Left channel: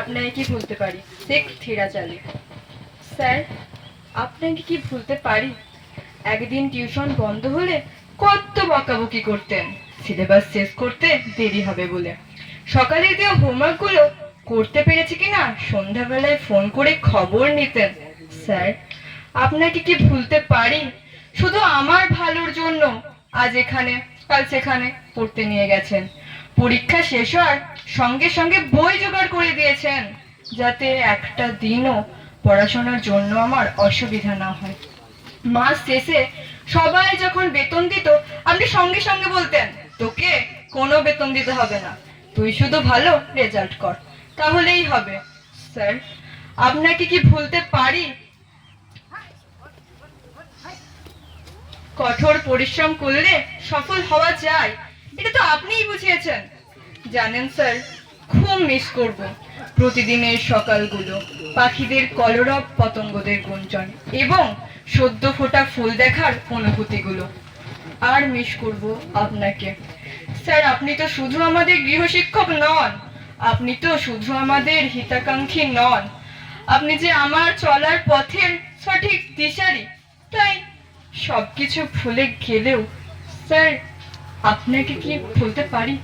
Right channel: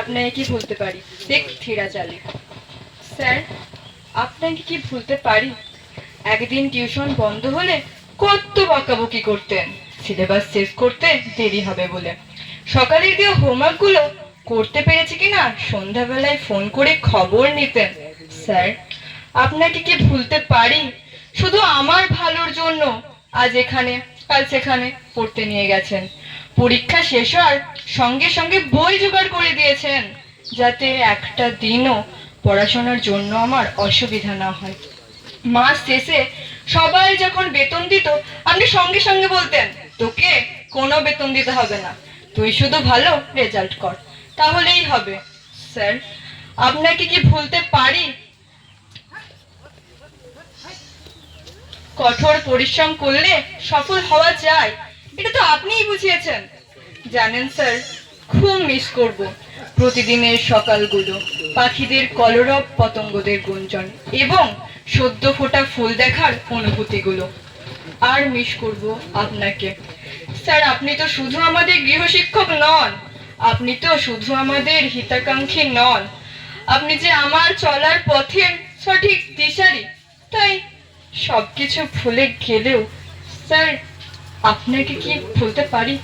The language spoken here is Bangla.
আপনাকে কি ভুলতে পারি? ঠিক থিরা চালি। স্যার, আপনাকে কি ভুলতে পারি? একদিন টিউশন বন্ধ হলে কত বকাবকি করতেন সিলেবাস শেষ করতে দেরি হবে বলে। সকালে দেওয়া হোমওয়ার্কগুলো করতে পেরেছি কিনা সন্ধ্যাবেলায় ফোন করে খবর নিতেন। স্যার, আপনাকে কি ভুলতে পারি? শুধু আমার ভালোর জন্য আজ এখানে কাল সেখানে পড়তে নিয়ে গেছেন। পরীক্ষা শেষ হওয়ার সঙ্গে সঙ্গে বই জোগাড় করে দিয়েছেন, যাতে একটা দিনও পড়াশোনার জন্য আমার অসুবিধা না হয়। মাস শেষে সবাই যখন বেতন দিত, আপনি সঙ্গে সঙ্গে বলতেন, তোকে কোনো বেতন দিতে হবে না, তুই শুধু ভালো রেজাল্ট কর, তাহলেই হবে। স্যার, আপনাকে কি ভুলতে পারি? কঠোর পরিশ্রম করলে সফল হওয়া যায়, এটা তো আপনিই বুঝিয়েছেন। জানেন স্যার, খুব মিস করব প্রতিদিনের সকালগুলো, পাখিদের কলরব, পতঙ্গদের গুঞ্জন এবং সদ্য ফোটা ফুল দেখার অনুভূতিগুলো। আর মিস করব আপনাকে। স্যার, আপনি তো শুধু আমাদের গৃহশিক্ষক নন, আপনি তো শুধু আমাদের হিতাকাঙ্ক্ষী নন, আপনি যে আমার চলার পথের সঠিক দিশারি। তাই সবকিছু ভুলে গেলেও স্যার, আপনাকে কি ভুলতে পারি?